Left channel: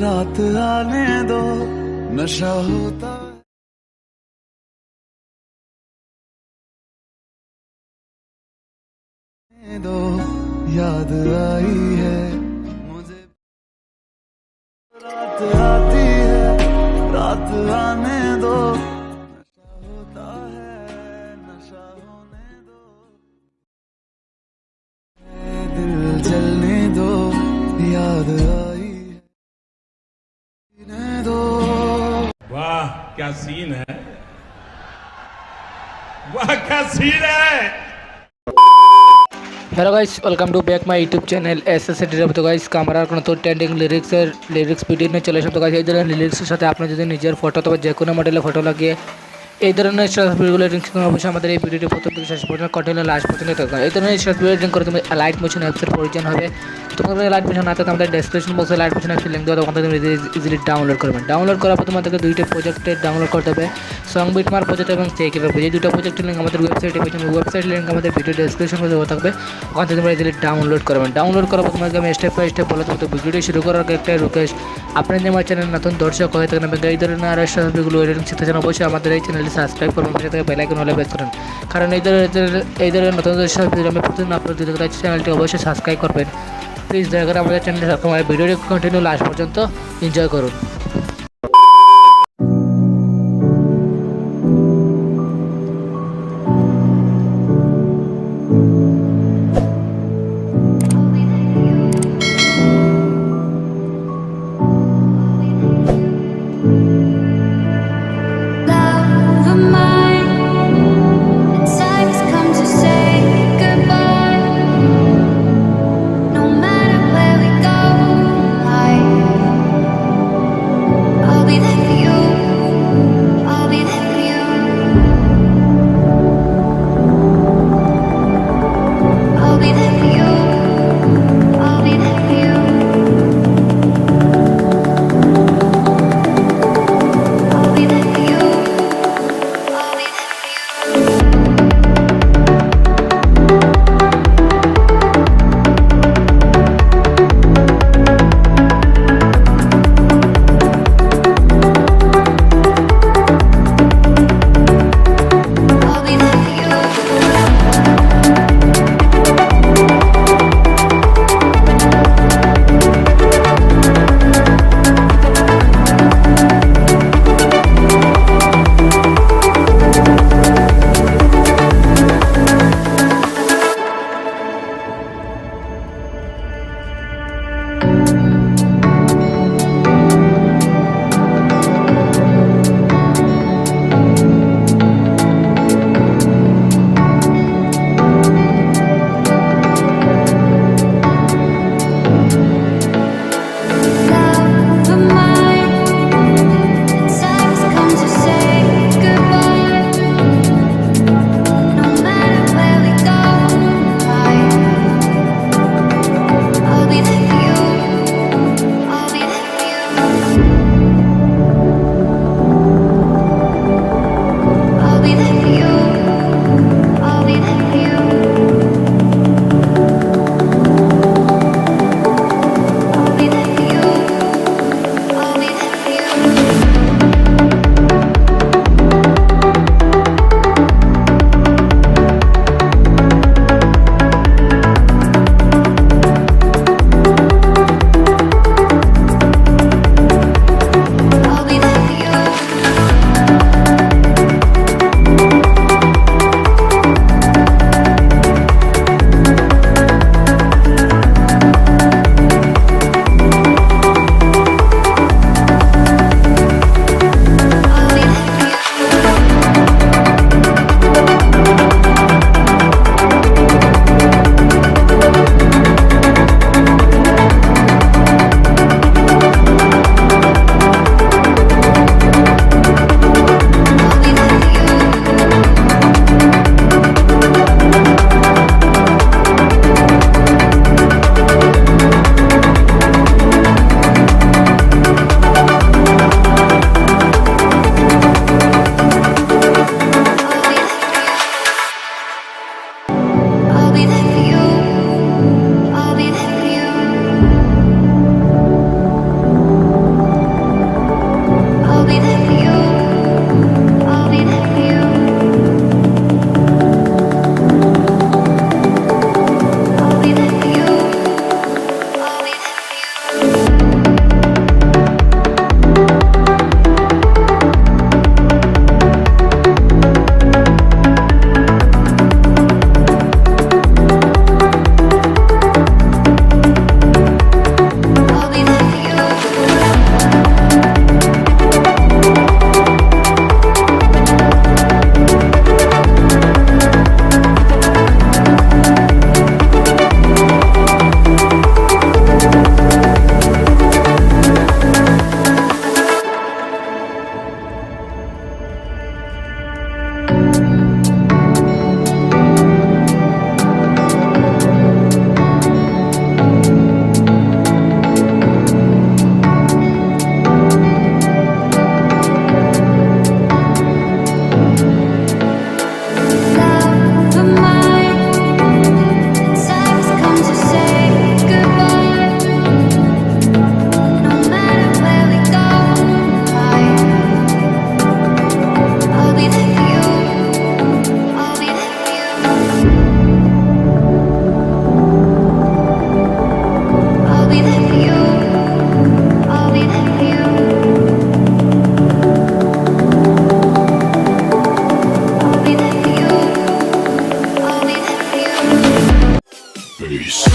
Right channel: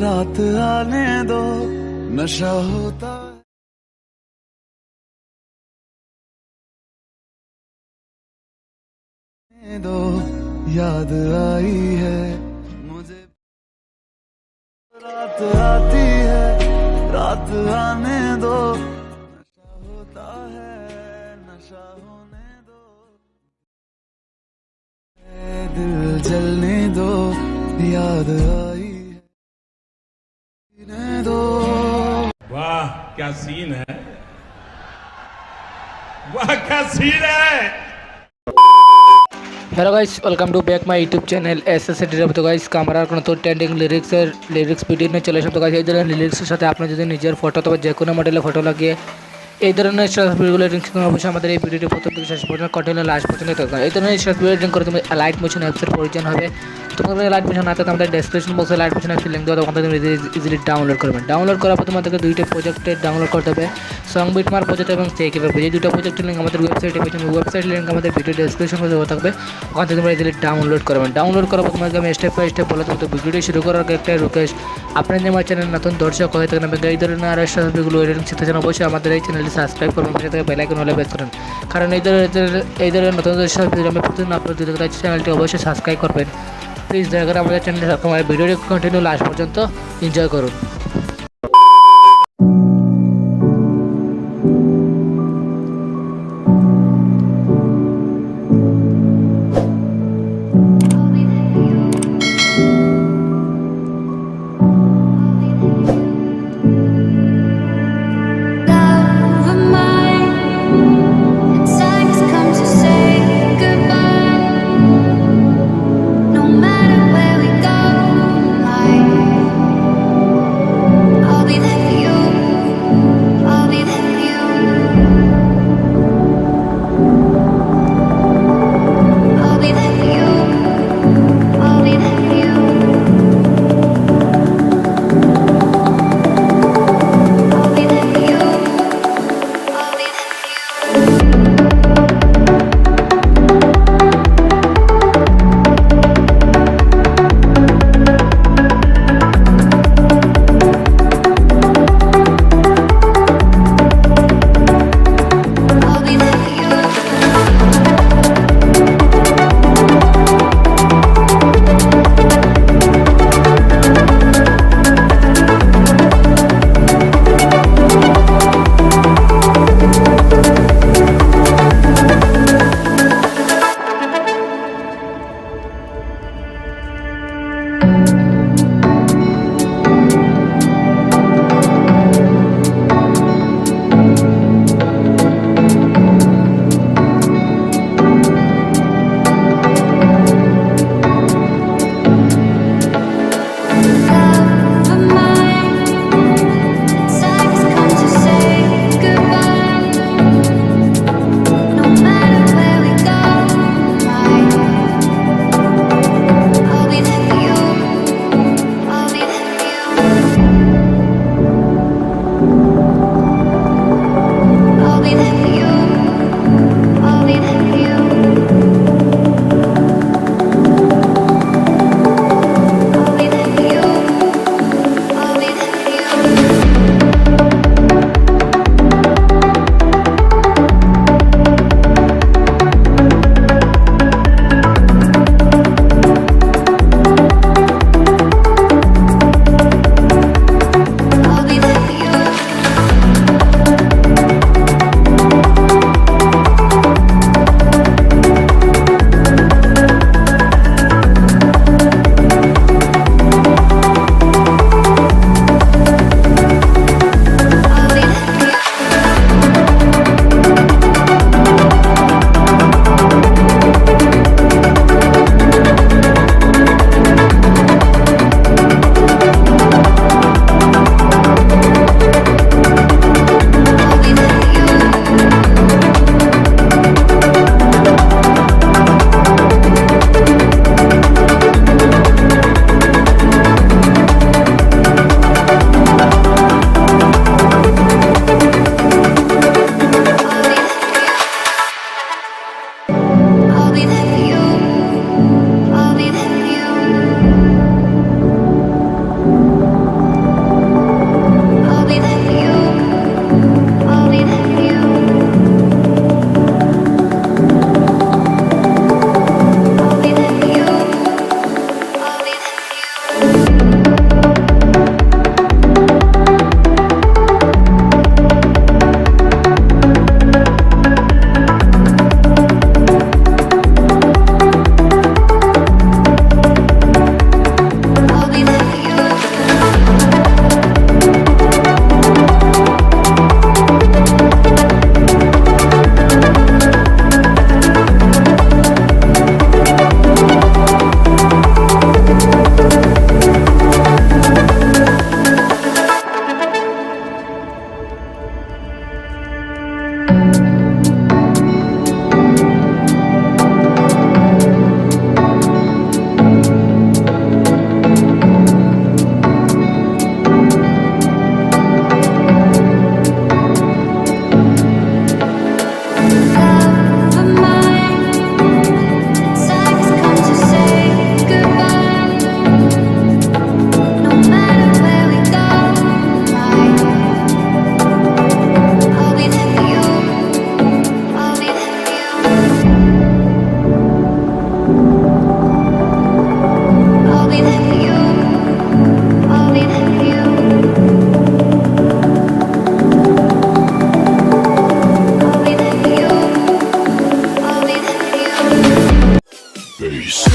रात आने दो नशा होता है दो याद आई है मुझे रात आती है रात आने दो नशा होता है नशा होने दो दिल जलने दो याद आई है दो। वाह क्या सीन है, वाह क्या सीन है। Hello guys, welcome to back my YouTube channel এসএসএডির। তো গাইস ক্যামেরার কোনো তো ট্রেন্ডিং লিরিক্স ভিডিও নিয়ে চলে এসেছে। তো গাইস এই ধরনের লিরিক্সের সাথে আপনি যদি নিজের ফটো অথবা যে কোনো মডেলের ফটো লাগিয়ে এই ধরনের স্ট্যাটাস ভিডিওগুলো এডিটিং করতে অবশ্যই আমাদের এই ভিডিওটি প্রথম থেকে শেষ পর্যন্ত কন্টিনিউ লাস্ট পর্যন্ত দেখতে হবে। এই ধরনের স্ট্যাটাস ভিডিও এডিটিং করে তুমি লাইট মোশন অ্যাপসের প্রয়োজন হবে। তোমাদের লাইট মোশন না থাকলে আমাদের ডেসক্রিপশন বক্সে লাইট মোশন অ্যাপসের লিঙ্ক দেওয়া হবে, ওখান থেকে তুমি ইজিলি ডাউনলোড করবেন। ডাউনলোড করার পর তোমাদেরকে দুইটা প্রজেক্টে ডাউনলোড করতে হবে, 𝑠ongBitmap প্রজেক্ট এবং 𝖃𝑒𝑅 প্রজেক্ট। এই দুটো প্রজেক্টের লিঙ্ক আমাদের ওয়েবসাইটে পেয়েছেন। ওয়েবসাইটের লিঙ্ক আমাদের ভিডিও ডেসক্রিপশন বক্সে দেওয়া থাকবে, ওখান থেকে তোমরা ইজিলি ডাউনলোড করবেন। ডাউনলোড করার পর তোমাকে আমি স্টেপ বাই স্টেপ বলে দেবো। তো ভিডিওটি শুরু করার আগে একটা রিকোয়েস্ট, আপনি যদি আমার চ্যানেল নতুন দর্শক হয়ে থাকেন এবং এই ধরনের আরও স্ট্যাটাস ভিডিওগুলো এডিটিং শিখতে চান, অবশ্যই আমাদের এই চ্যানেলটি সাবস্ক্রাইব করবেন, পাশে থেকে বেল আইকন হলে প্রেস করেন। কারণ এই ধরনের নতুন স্ট্যাটাস ভিডিও আমি প্রতিদিন আপলোড দিতে থাকি, চ্যানেলটি অবশ্যই সাবস্ক্রাইব করবেন প্লিজ। দয়া করে আমাদের চ্যানেলে তোমার ভিডিওটি কন্টিনিউ লাস্ট পর্যন্ত এনজয় করুন। Peace.